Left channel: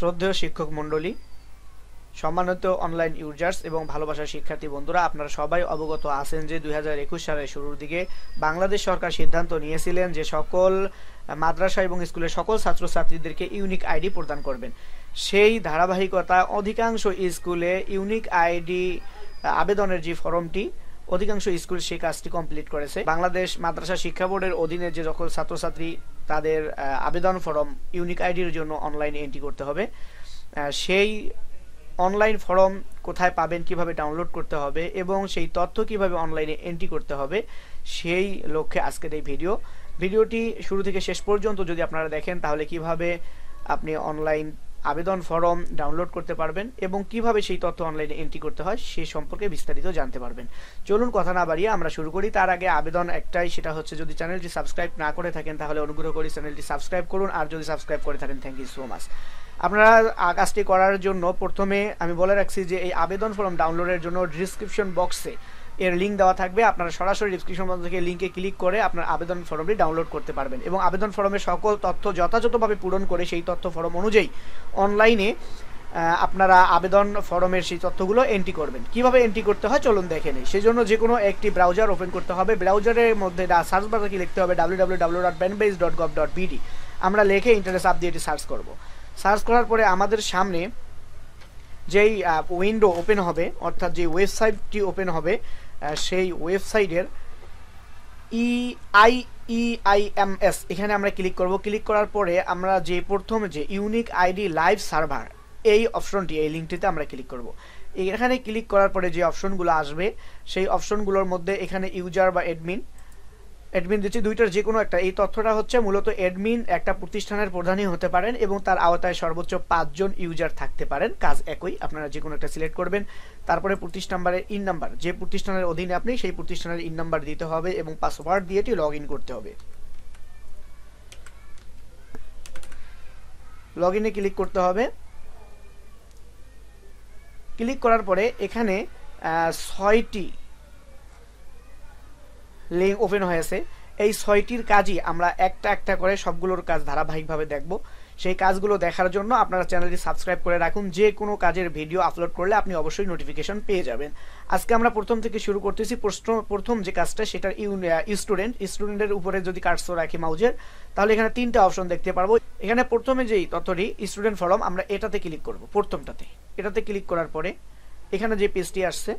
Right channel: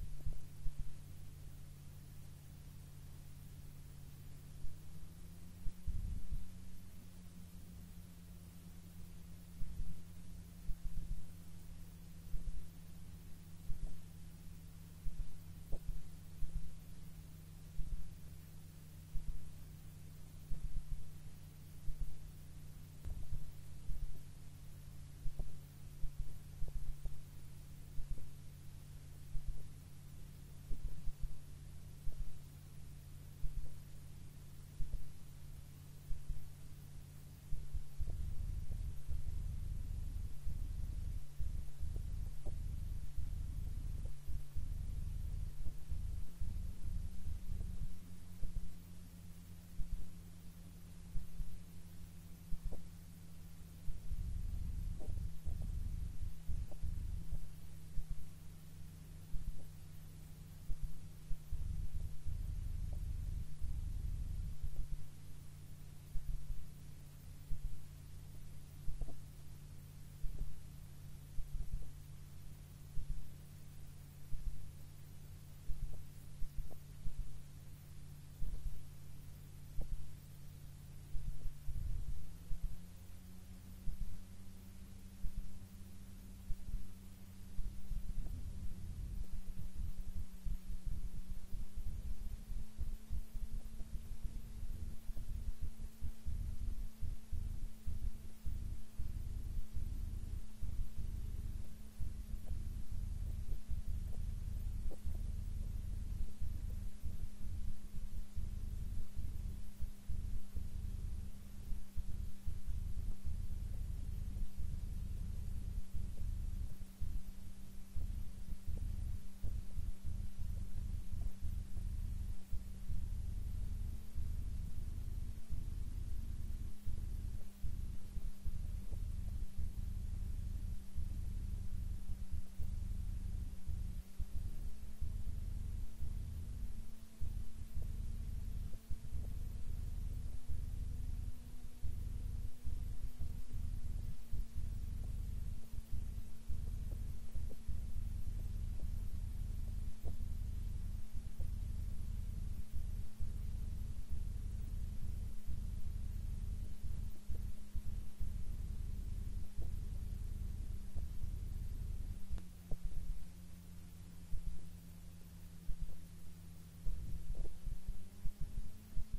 শ্রদ্ধেয় শিক্ষক মণ্ডলী, সম্মানিত অনলাইন ইউজার্স এবং ভালোবাসার শিক্ষার্থী বন্ধুরা, আপনারা সবাই অবগত আছেন যে 2021 সালের শুরুর দিকে বাংলাদেশ সরকার সিদ্ধান্ত নিয়েছিলেন যে সকল মাদ্রাসা এবং স্কুলের সকল ছাত্রছাত্রীদেরকে ইউনিক আইডি প্রদান করবেন। সেই ধারাবাহিকতা অধিকাংশ স্কুলে ইউনিক আইডি আবেদনের যে ফর্মটি, অধিকাংশ স্কুল সেই কাজটি কমপ্লিট করেছে। বাংলাদেশ মাদ্রাসা শিক্ষা বোর্ডের অধীনে যে সকল ছাত্রছাত্রী তাদের আবেদন ফর্ম ইউনিক আইডির জন্য অনলাইনে এন্ট্রি করতে হবে, সেই অনলাইন ফর্ম কোথায় পাবেন, কিভাবে ডাউনলোড করতে হবে এবং সেই তথ্য কিভাবে অনলাইনে এন্ট্রি করতে হবে, সেই লক্ষ্যে আজকের এই ভিডিওটি শুরু থেকে শেষ পর্যন্ত যদি আপনারা দেখেন তাহলে কিভাবে আপনি অনলাইন আবেদন ফর্ম ডাউনলোড করতে পারবেন এবং কিভাবে সেই তথ্য অনলাইনে এন্ট্রি করতে হয় সেই সম্পর্কে বিস্তারিত জানতে পারবেন। চলুন কথা না বাড়িয়ে আমরা শুরু করি। তার আগে আবেদন একটাই, সেটা হচ্ছে যদি চ্যানেলটি সাবস্ক্রাইব না করে থাকেন তাহলে অনুগ্রহ করে চ্যানেলটি সাবস্ক্রাইব করুন, আর যদি সাবস্ক্রাইব করে থাকেন থ্যাংক ইউ সো মাচ। আপনারা কাজটি করার জন্য প্রথমে আমি বলে রাখছি যে এই আবেদন ফর্ম ডাউনলোডের জন্য ডিসক্রিপশন বক্সে এর লিঙ্ক দেওয়া থাকবে। আপনারা সরাসরি ডিসক্রিপশন বক্স থেকে লিঙ্কে ক্লিক করে আপনার আবেদন ফর্মটি ডাউনলোড করতে পারবেন এবং আবেদন ফর্মের সকল তথ্য যথাযথভাবে পূরণ করে সেই তথ্য ফর্ম অনুযায়ী অনলাইনে আপনারা আবেদন ফর্মের সেই তথ্যগুলো এন্ট্রি করবেন। কিভাবে এন্ট্রি করতে হয় চলুন দেখে নিই। সেই জন্য যে কোনো একটি ব্রাউজার ওপেন করতে হবে। ব্রাউজারের মধ্যে সার্চ বারে কি লিখতে হবে www.banbase.gov.bd। আমরা লিখে ইন্টারনেট চাপ দিয়ে এটি সার্চ করব। সার্চ করার পরে আমাদের সামনে যেই উইন্ডো ওপেন হবে, অর্থাৎ যে ওয়েবসাইটটি ওপেন হবে, সেই ওয়েবসাইটের EIEIMS এখানে আমরা ক্লিক করব। ক্লিক করার পরে আমরা যে প্রথম যে ইউনিক আইডি লাইভ সার্ভার এই অপশনটি, এই লিঙ্কটিতে আমরা ক্লিক করব। এখানে ক্লিক করার পরে যে অপশনগুলো আসবে সেই অপশনগুলোর মধ্যে এখানে ইউজার বা অ্যাডমিন দিচ্ছি, দুইটার যে কোনো একটা। এই তথ্যটা হচ্ছে মূলত অ্যাডমিন একটা প্রতিষ্ঠানের প্রধানই হতে পারেন এবং তার আওতায় সর্বোচ্চ 5 জন ইউজার থাকতে পারেন। কাজ একই, আপনারা যে কোনো একটা সিলেক্ট করবেন। তারপরে প্রতিষ্ঠান নাম্বারের ইন নাম্বার, যে প্রতিষ্ঠানের অধীনে আপনি সেই প্রতিষ্ঠানের ইন নাম্বার দিতে হবে এবং পাসওয়ার্ড দিয়ে এটি লগ ইন করতে হবে। লগ ইনে ক্লিক করতে হবে। ক্লিক করার পরে এখানে 6টি লিঙ্ক ওপেন হয়েছে। এই 6টির কাজই আমরা একটা একটা করে সবগুলোর কাজ ধারাবাহিকভাবে দেখব। সেই কাজগুলো দেখার জন্য আপনারা চ্যানেলটি সাবস্ক্রাইব করে রাখুন। যে কোনো কাজের ভিডিও আপলোড করলে আপনি অবশ্যই নোটিফিকেশন পেয়ে যাবেন। আজকে আমরা প্রথম থেকে শুরু করতেছি। প্রথম যে কাজটা সেটা স্টুডেন্টের উপরে যদি কার্সর রাখি মাউজের, তাহলে এখানে 3টা অপশন দেখতে পারবো। এখানে প্রথমে যেই তথ্যটি স্টুডেন্ট ফর্ম, আমরা এটাতে ক্লিক করব। প্রথমটাতে এটাতে ক্লিক করার পরে এখানে যে পেজটি আসছে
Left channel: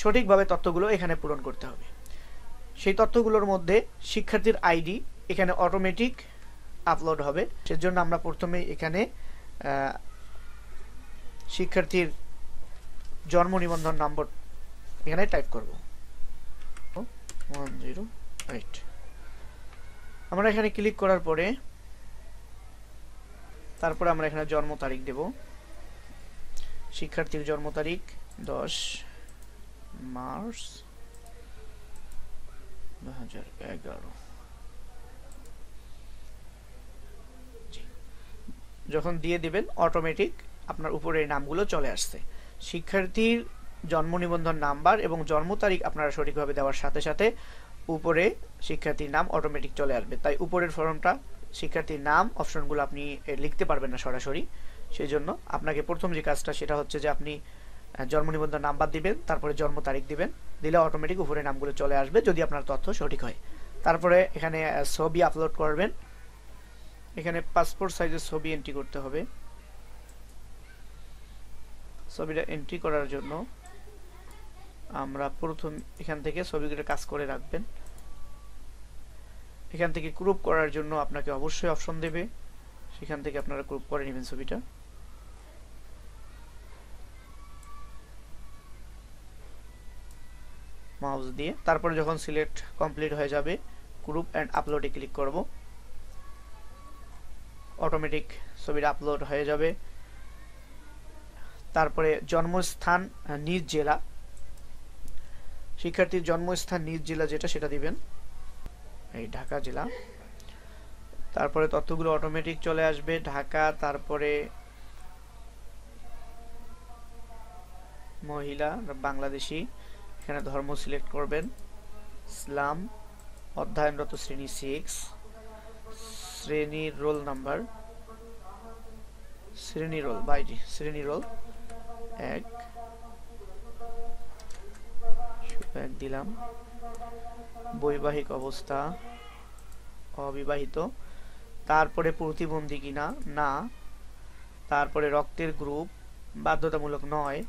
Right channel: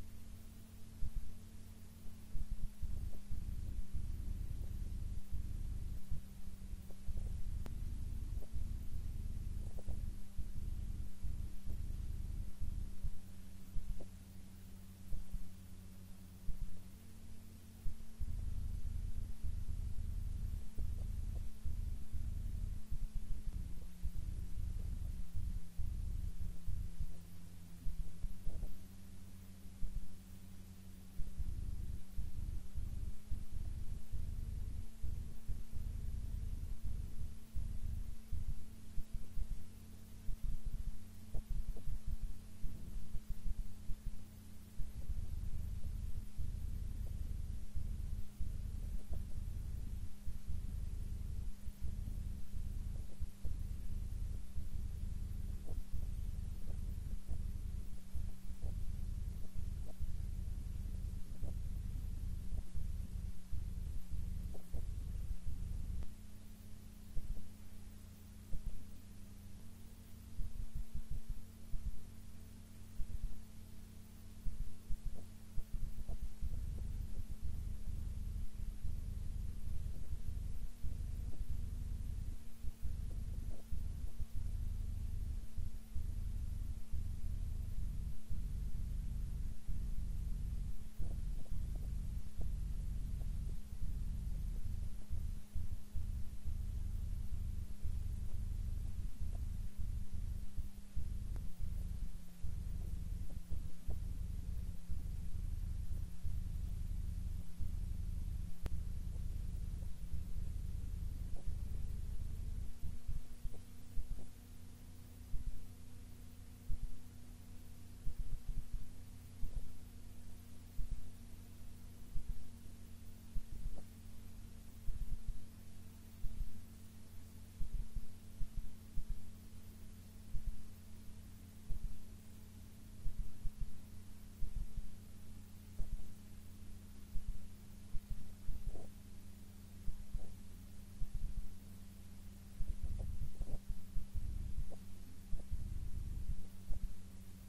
সঠিকভাবে তথ্যগুলো এখানে পূরণ করতে হবে। সেই তথ্যগুলোর মধ্যে শিক্ষার্থীর আইডি এখানে অটোমেটিক আপলোড হবে। সেজন্য আমরা প্রথমে এখানে শিক্ষার্থীর জন্ম নিবন্ধন নম্বর এখানে টাইপ করব 108। আমরা এখানে ক্লিক করার পরে তারপরে আমরা এখানে জন্ম তারিখ দেব। শিক্ষার্থীর জন্ম তারিখ 10 মার্চ 2011। যখন দিয়ে দিবেন অটোমেটিক আপনার উপরে এই নামগুলো চলে আসছে। শিক্ষার্থীর জন্ম নিবন্ধন নাম্বার এবং জন্ম তারিখ আপনারা সঠিকভাবে দেওয়ার সাথে সাথে উপরে শিক্ষার্থীর নাম অটোমেটিক চলে আসবে। তাই উপরের ফর্মটা শিক্ষার্থীর নাম অপশনগুলো আপনি লিখতে পারবেন না সরাসরি। সেই জন্য আপনাকে প্রথম যে কাজটা সেটা হচ্ছে যে আপনি জন্ম নিবন্ধন নাম্বার দিবেন, তারপরে জন্ম তারিখ দিবেন, দিলে অটোমেটিক উপরে নামগুলো চলে আসবে যদি আপনার তথ্য সঠিক হয়। তারপরে এখানে ছবি আপলোড করবেন। এখানে পাসপোর্ট সাইজের ছবি এন্ট্রি করতে হবে। ছবিটা এন্ট্রি করার জন্য আমরা প্রথম এখান থেকে ছবিগুলো কাজ করে রাখবেন। এখান থেকে ক্রপ করার জন্য আপনাকে অবশ্যই অপশন দেবে, সেখান থেকে আপনারা ক্রপ করে নেবেন ছবিটা। মাউস দিয়ে তারপরে যখন সিলেক্ট কমপ্লিট হয়ে যাবে গ্রুপ এন্ড আপলোডে ক্লিক করব। অটোমেটিক ছবিটা আপলোড হয়ে যাবে। তারপরে জন্মস্থান নিজ জেলা, শিক্ষার্থীর জন্মস্থান নিজ জেলা যেটা সেটা দিবেন, এই ঢাকা জেলা। তারপরে তথ্যগুলো অটোমেটিক চলে আসবে ঢাকা। তারপরে মহিলা বাংলাদেশি, এখানে ধর্ম সিলেক্ট করবেন ইসলাম, অধ্যয়নরত শ্রেণী 6, শ্রেণীর রোল নাম্বার শ্রেণী রোল বাইটি শ্রেণী রোল 1 দিলাম। বৈবাহিক অবস্থা অবিবাহিত। তারপরে প্রতিবন্ধী কিনা না। তারপরে রক্তের গ্রুপ বাধ্যতামূলক নয়,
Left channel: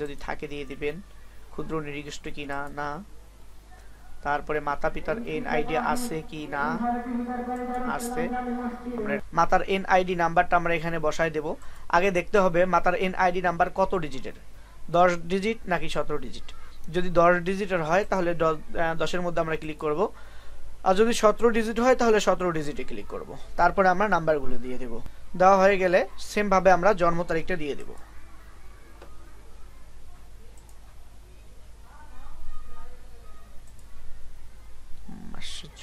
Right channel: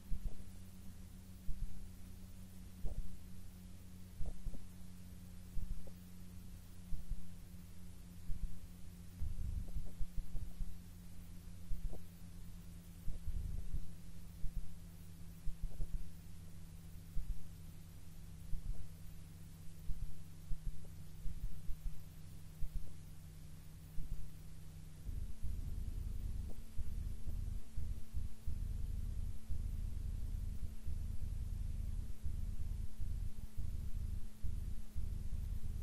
যদি থাকে দিয়ে দিবেন। ক্ষুদ্র নির্দিষ্ট কিনা না। তারপরে মাতা পিতার এনআইডি আছে কি না, আছে। মাতার এনআইডি নাম্বারটা আমরা এখানে বসায় দেব। আগে দেখতে হবে মাতার এনআইডি নাম্বার কত ডিজিটের, 10 ডিজিট নাকি 17 ডিজিট। যদি 10 ডিজিটের হয় তাহলে 10-এর মধ্যে আমরা ক্লিক করব, আর যদি 17 ডিজিট হয় তাহলে 17 ডিজিটে ক্লিক করব। তারপরে আমরা নাম্বারগুলো দিয়ে দেব। দেওয়া হয়ে গেলে সেম ভাবে আমরা জন্ম তারিখটা দিয়ে দেব।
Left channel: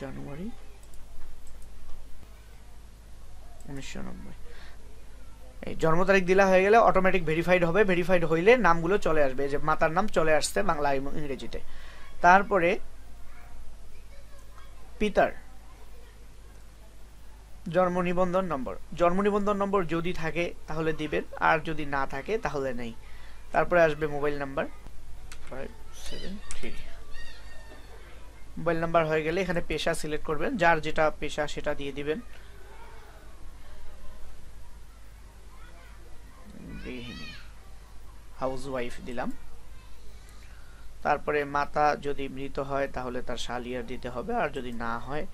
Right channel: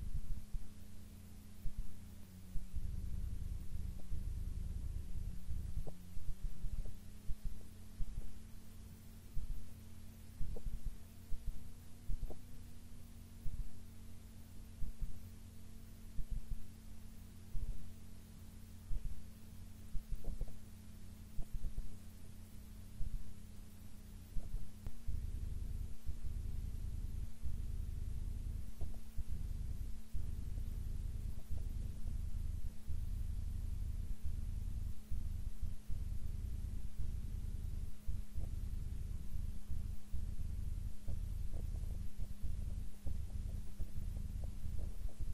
জানুয়ারি 1990। এই জন্ম তারিখ দিলা হয়ে গেলে অটোমেটিক ভেরিফাইড হবে। ভেরিফাইড হইলে নামগুলো চলে আসবে, যে মাতার নাম চলে আসছে বাংলা এবং ইংরেজিতে। তারপরে পিতার জন্ম নিবন্ধন নম্বর, জন্ম নিবন্ধন নম্বর যদি থাকে তাহলে দিবেন, আর যদি না থাকে তাহলে নেই। তারপরে আসবে মোবাইল নাম্বার 573। মোবাইল নাম্বার হয়ে গেলে এখানে পেশা সিলেক্ট করবেন, যার যেটা পেশা সেটা দিয়ে দিবেন। হাউসওয়াইফ দিলাম। তারপরে মাতা যদি মৃত হয় তাহলে তার শালিয়ার দিতে হবে, আর যদি না হয়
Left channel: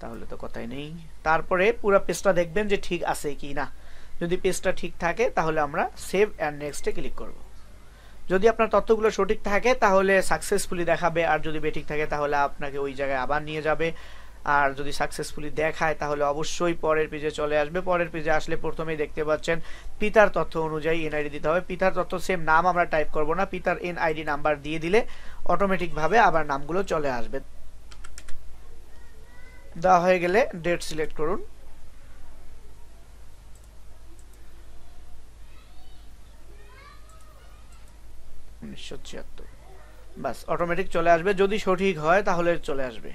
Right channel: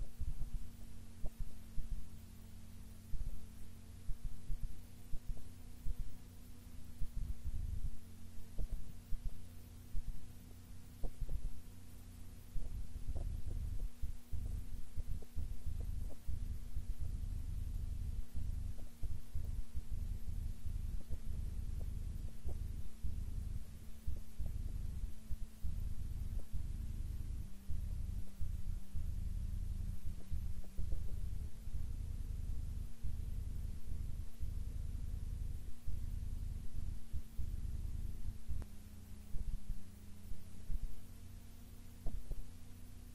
তাহলে তো কথাই নেই। তারপরে পুরো পেজটা দেখবেন যে ঠিক আছে কি না। যদি পেজটা ঠিক থাকে তাহলে আমরা সেভ এন্ড নেক্সটে ক্লিক করব। যদি আপনার তথ্যগুলো সঠিক থাকে তাহলে সাকসেসফুলি দেখাবে, আর যদি বেঠিক থাকে তাহলে আপনাকে ওই জায়গায় আবার নিয়ে যাবে। আর যদি সাকসেসফুলি দেখায় তাহলে অবশ্যই পরের পেজে চলে আসবে। পরের পেজে আসলে প্রথমেই দেখতে পাচ্ছেন পিতার তথ্য অনুযায়ী এনআইডি দিতে হবে। পিতার তথ্য সেম নাম আমরা টাইপ করব না, পিতার এনআইডি নাম্বার দিয়ে দিলে অটোমেটিক ভাবে আবার নামগুলো চলে আসবে। দেওয়া হয়ে গেলে ডেট সিলেক্ট করুন। বাস অটোমেটিক চলে আসবে। যদি সঠিক হয় তাহলে চলে আসবে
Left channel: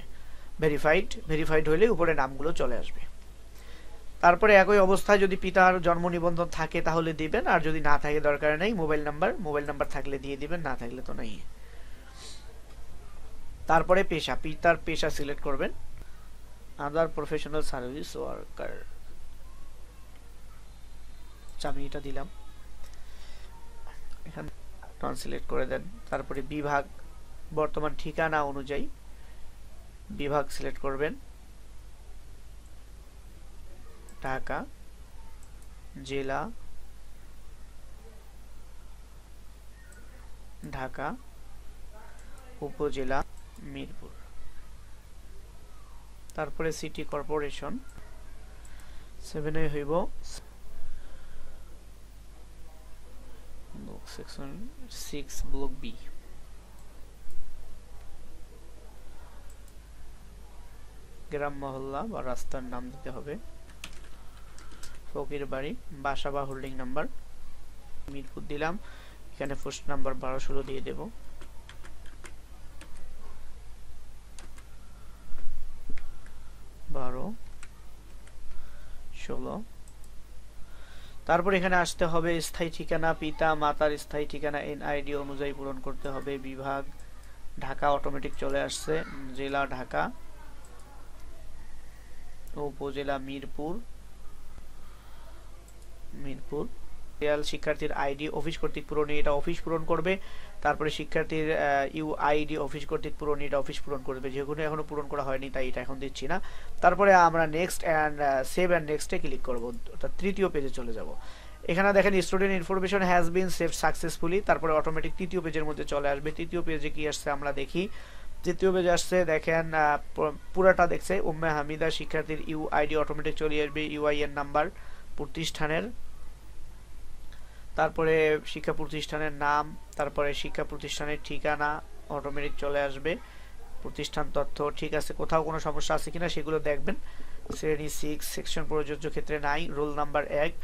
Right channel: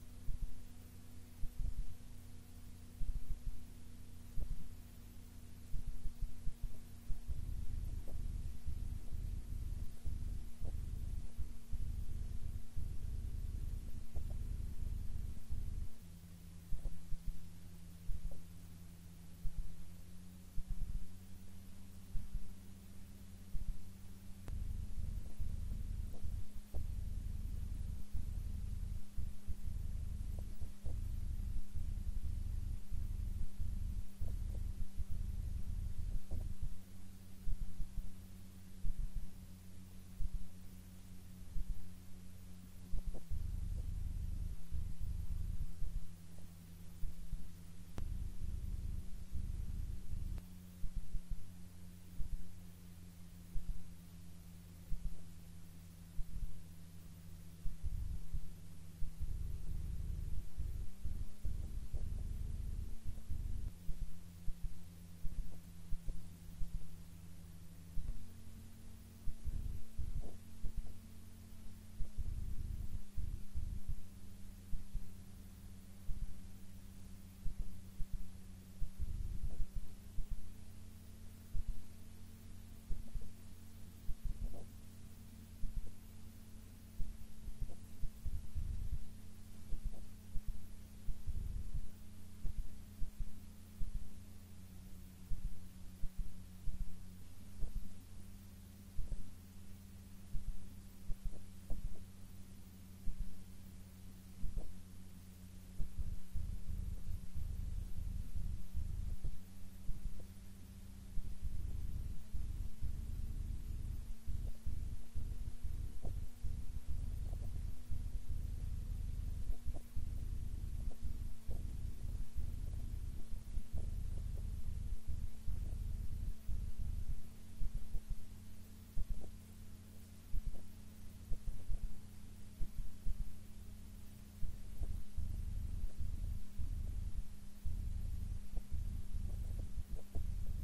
ভেরিফাইড হইলে উপরে নামগুলো চলে আসবে। তারপরে একই অবস্থায় যদি পিতার জন্ম নিবন্ধন থাকে তাহলে দিবেন, আর যদি না থাকে দরকার নেই। মোবাইল নাম্বার থাকলে দিয়ে দিবেন, না থাকলে তো নেই। তারপরে পেশা, পিতার পেশা সিলেক্ট করবেন। আদার প্রফেশনাল সার্ভিস ওয়ার্কার, আমি এটা দিলাম। এখানে নন সিলেক্ট করে দেন। তারপরে বিভাগ, বর্তমান ঠিকানা অনুযায়ী বিভাগ সিলেক্ট করবেন। ঢাকা, জেলা ঢাকা, উপজেলা মিরপুর। তারপরে সিটি কর্পোরেশন 7 হইব সেকশন 6 ব্লক বি। গ্রাম মহল্লা বা রাস্তার নাম দিতে হবে। ফকির বাড়ি, বাসা বা হোল্ডিং নাম্বার মিরপুর দিলাম। এখানে পোস্ট নাম্বার 1216 দিয়ে দেব। তারপর এখানে আসতে হবে স্থায়ী ঠিকানা, পিতা মাতার স্থায়ী ঠিকানা এনআইডি অনুযায়ী পূরণ করতে হবে। বিভাগ ঢাকা অটোমেটিক চলে আসছে। জেলা ঢাকা, উপজেলা মিরপুর। শিক্ষার্থীর আইডি অফিস কর্তৃক পূরণী, এটা অফিস পূরণ করবে। তারপরে শিক্ষার্থীর ইউআইডি অফিস কর্তৃক পূরণী, এটা অফিস পূরণ করবে। যেগুলো এখনো পূরণ করা হয়নি তাই এটা এখন দিচ্ছি না। তারপরে আমরা নেক্সট এন্ড সেভ এন্ড নেক্সটে ক্লিক করব, অর্থাৎ তৃতীয় পেজে চলে যাব। এখানে দেখেন student information has been saved successfully. তারপরে অটোমেটিক তৃতীয় পেজের মধ্যে চলে আসবে। তৃতীয় পেজে কি আসছে আমরা দেখি। তৃতীয় পেজে আসছে দেখেন পুরাটা দেখছে উম্মে হামিদা। শিক্ষার্থীর ইউআইডি অটোমেটিক চলে আসবে, ইউআইএন নাম্বার, প্রতিষ্ঠানের, তারপরে শিক্ষা প্রতিষ্ঠানের নাম, তারপরে শিক্ষা প্রতিষ্ঠানের ঠিকানা অটোমেটিক চলে আসবে। প্রতিষ্ঠান তথ্য ঠিক আছে, কোথাও কোনো সমস্যা আছে কিনা সেগুলো দেখবেন। শ্রেণী 6, সেকশন প্রযোজ্য ক্ষেত্রে নাই। রোল নাম্বার 1,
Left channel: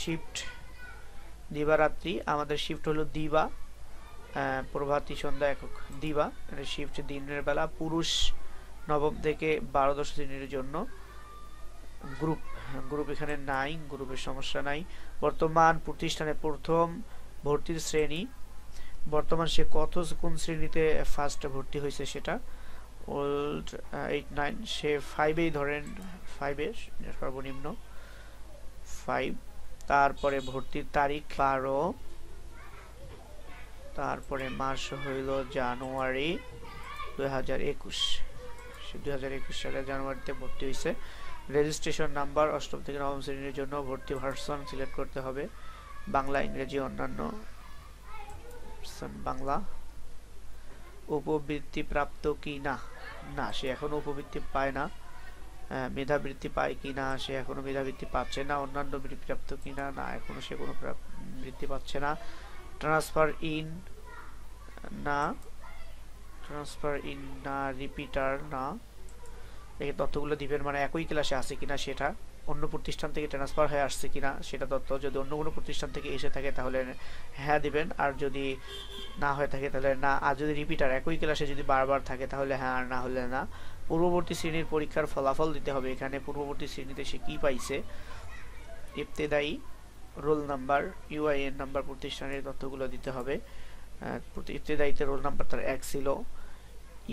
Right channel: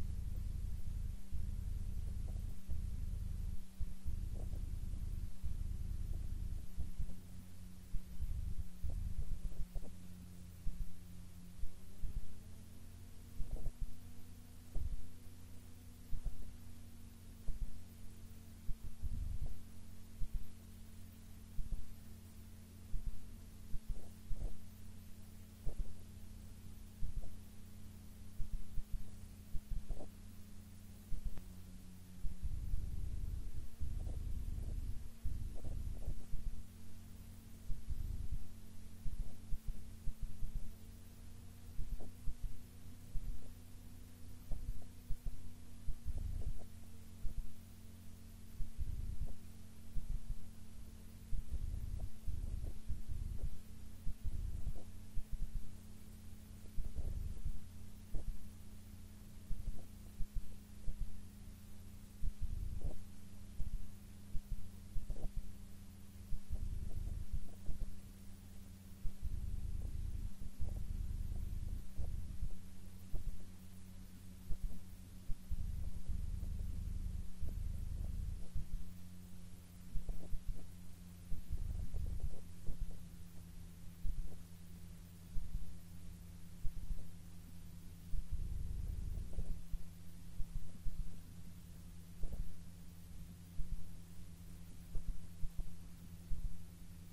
শিফট দিবারাত্রি, আমাদের শিফট হলো দিবা, প্রভাতী সন্ধ্যা একক দিবা, শিফট দিনের বেলা। পুরুষ নবম থেকে 12দশ শ্রেণীর জন্য, গ্রুপ, গ্রুপ এখানে নাই, গ্রুপের সমস্যা নাই। বর্তমান প্রতিষ্ঠানে প্রথম ভর্তির শ্রেণী, বর্তমান সে কোন শ্রেণীতে ফার্স্ট ভর্তি হয়েছে সেটা। ওল্ড 8-9, সে 5-এই ধরেন, 5-এ সর্বনিম্ন 5। তারপরে ভর্তির তারিখ 12, তারপরে মাস হইল জানুয়ারি 2021, সে 2021 সালে জানুয়ারিতে ভর্তি হয়েছে। রেজিস্ট্রেশন নাম্বার 8ম থেকে 9ম শ্রেণীর জন্য ভর্তি ভার্সন সিলেক্ট করতে হবে, বাংলা, ইংরেজি, অন্যান্য। বাংলা। উপবৃত্তি প্রাপ্ত কি না, না সে এখনো উপবৃত্তি পায় না। মেধাবৃত্তি পায় কি না, সে এখনো মেধাবৃত্তি পাচ্ছে না। অন্যান্য বৃত্তি প্রাপ্ত কি না, না এখনো সে কোনো বৃত্তি পাচ্ছে না। ট্রান্সফার ইন না, ট্রান্সফার ইন না, রিপিটার না। এই তথ্যগুলো দিবেন, মানে একই ক্লাসে আছে কিনা সেটা, অন্য প্রতিষ্ঠান থেকে ট্রান্সফার হয়ে আসছে কিনা সেটা তথ্য। যদি অন্য কোনো প্রতিষ্ঠান থেকে এসে থাকে তাহলে হ্যাঁ দিবেন, আর যদি না হয়ে থাকে তাহলে না। আর যদি রিপিটার একই ক্লাসে যদি বারবার থাকে তাহলে হ্যাঁ, আর না হলে না। পূর্ববর্তী শ্রেণীর পরীক্ষার ফলাফল দিতে হবে, এখানে পূর্ববর্তী শ্রেণীতে সে কি পাইছে। ইবতেদায়ী, রোল নাম্বার, ইউআইএন নাম্বার, প্রতিষ্ঠানের তথ্যগুলো দিতে হবে। ইবতেদায়ীতে রোল নাম্বার তার 1 ছিল।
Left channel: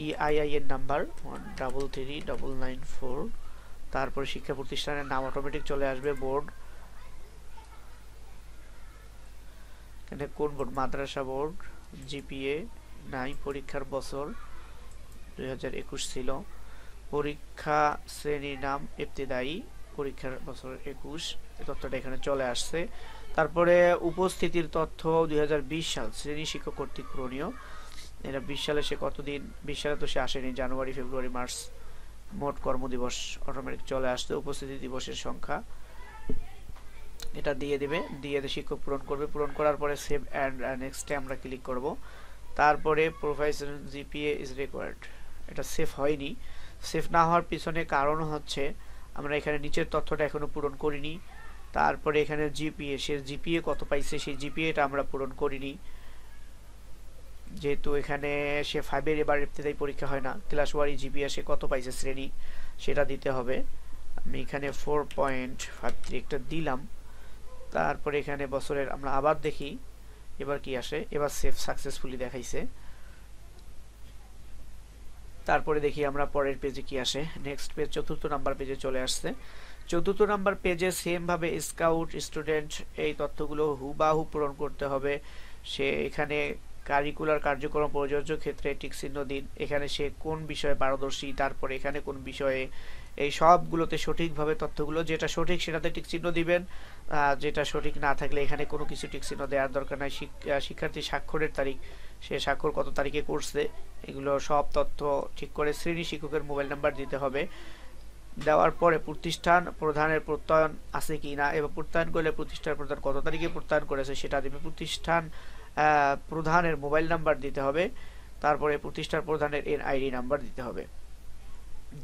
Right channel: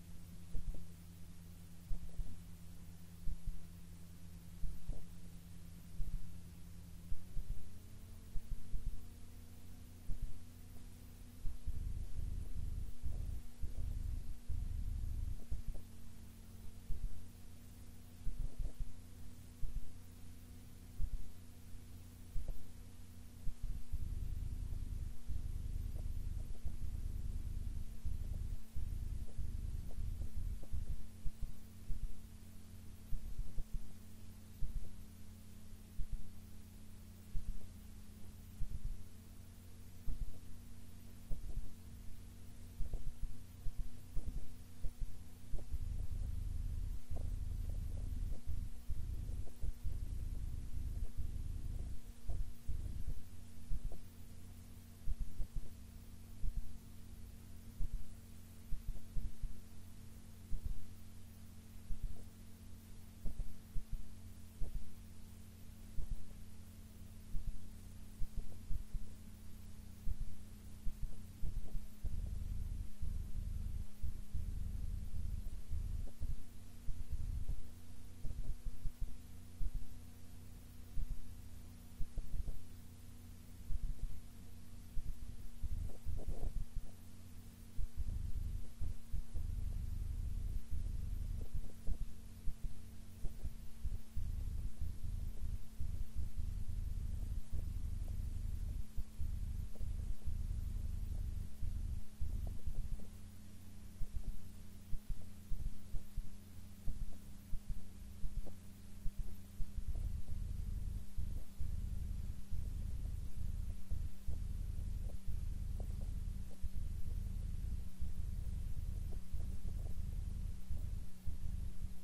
ইআইআইএন নাম্বার 133994। তারপরে শিক্ষা প্রতিষ্ঠানের নাম অটোমেটিক চলে আসবে, বোর্ড, এখানে কোন বোর্ড, মাদ্রাসা বোর্ড। জিপিএ নাই, পরীক্ষার বছর 2021 ছিল। পরীক্ষা শ্রেণীর নাম ইবতেদায়ী, পরীক্ষার বছর 21, এই তথ্যটা এখানে চলে আসছে। তারপরে উপস্থিতির তথ্য 2020 সাল, শ্রেণী শিক্ষক কর্তৃক পূরণীয়। এটা 20 সালে সে কতদিন, 20 সালে তো সে আসেনি, জানুয়ারি, ফেব্রুয়ারি, মার্চ। মোট কর্মদিবস অটোমেটিক চলে আসছে। উপস্থিতি দিবসের সংখ্যা এটা দিয়ে দিবে, দিয়ে শিক্ষক পূরণ করবে। পূরণ করার পরে সেভ অ্যান্ড নেক্সটে আমরা ক্লিক করব। তারপরে প্রোফাইল জিপিএ ইজ রিকোয়ার্ড, এটা সেভ হয়নি। সেভ না হওয়ার পিছনে কারণ হচ্ছে আমরা এখানে নিচের তথ্যটা এখনো পূরণ করিনি। তারপরে এখানে জিপিএ, সে জিপিএ কত পাইছে সেই জিপিএটা আমরা পূরণ করিনি, যেহেতু এখানে সে 5-এর এবার ইবতেদায়ী পরীক্ষা হয় না। ক্লাস ওয়ারি জিপিএ সে কত পাইছে শ্রেণী সেটা দিতে হবে। আমি এখানে 4.53 একটা দিলাম। তারপরে এখানে বছরের আমরা আবার দেখি এবার কি আসে। এবার সেভ সাকসেসফুলি দেখাইছে। তারপরে দেখি আমরা পরের পেজে কি আসে। নেক্সট পেজ 4র্থ নাম্বার পেজে চলে আসছে। 4র্থ নাম্বার পেজে সেম ভাবে স্কাউট, স্টুডেন্ট এই তথ্যগুলো হুবাহু পূরণ করতে হবে। সে এখানে কারিকুলার কার্যক্রম প্রযোজ্য ক্ষেত্রে টিক চিহ্ন দিন, এখানে সে কোন বিষয়ে পারদর্শী, তারপরে এখানে কোন বিষয়ে, এই সবগুলোতে সঠিকভাবে তথ্যগুলো যেটা সঠিক সেটাতে টিক চিহ্ন দিবেন। যেটা সঠিক না থাকলে এখানে কোনো কিছু টিক চিহ্ন দেওয়ার দরকার নাই। শিক্ষার্থী স্বাক্ষরের তারিখ, সে স্বাক্ষর কত তারিখে করছে, এগুলো সব তথ্য ঠিক করে। শ্রেণী শিক্ষকের মোবাইল নাম্বার দিতে হবে। দেওয়ার পরে প্রতিষ্ঠান প্রধানের প্রত্যয়ন আছে কি না, এবং প্রত্যয়ন করলে প্রতিষ্ঠান প্রধান কত তারিখে প্রত্যয়ন করেছে সেটা দিবে। প্রতিষ্ঠান প্রধানের মোবাইল নাম্বার দিতে হবে। তারপরে প্রতিষ্ঠান প্রধানের এনআইডি নাম্বার দিতে হবে।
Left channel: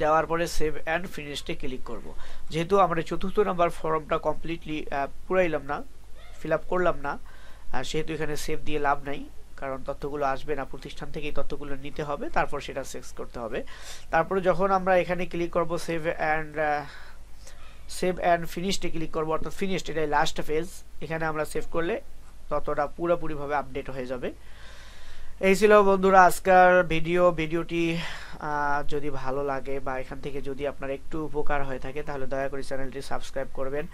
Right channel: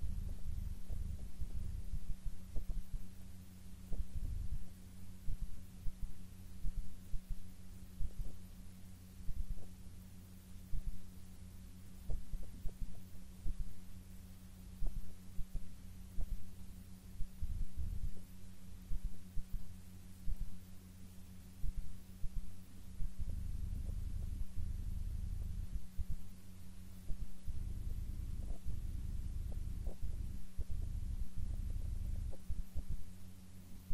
দেওয়ার পরে সেভ অ্যান্ড ফিনিশে ক্লিক করব। যেহেতু আমরা 4র্থ নাম্বার ফর্মটা কমপ্লিটলি পুরাইলাম না, ফিল আপ করলাম না, সেহেতু এখানে সেভ দিয়ে লাভ নাই, কারণ তথ্যগুলো আসবে না, প্রতিষ্ঠান থেকেই তথ্যগুলো নিতে হবে, তারপর সেটা সেভ করতে হবে। তারপরে যখন আমরা এখানে ক্লিক করব সেভ অ্যান্ড ফিনিশে ক্লিক করব, অর্থাৎ ফিনিশড, এটাই লাস্ট ফেজ। এখানে আমরা সেভ করলে ততটা পুরোপুরিভাবে আপডেট হয়ে যাবে। এই ছিল বন্ধুরা আজকের ভিডিওটি যদি ভালো লাগে বা এখান থেকে যদি আপনার একটু উপকার হয়ে থাকে তাহলে দয়া করে চ্যানেলটি সাবস্ক্রাইব করবেন,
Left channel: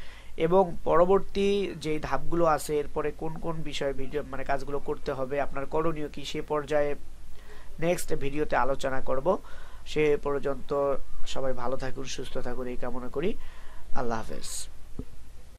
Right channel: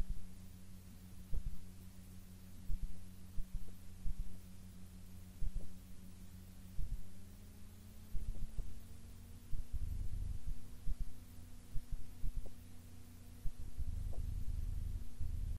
এবং পরবর্তী যে ধাপগুলো আছে এরপরে কোন কোন বিষয়ে মানে কাজগুলো করতে হবে, আপনার করণীয় কি, সে পর্যায়ে নেক্সট ভিডিওতে আলোচনা করব। সে পর্যন্ত সবাই ভালো থাকুন, সুস্থ থাকুন এই কামনা করি। আল্লাহ হাফেজ।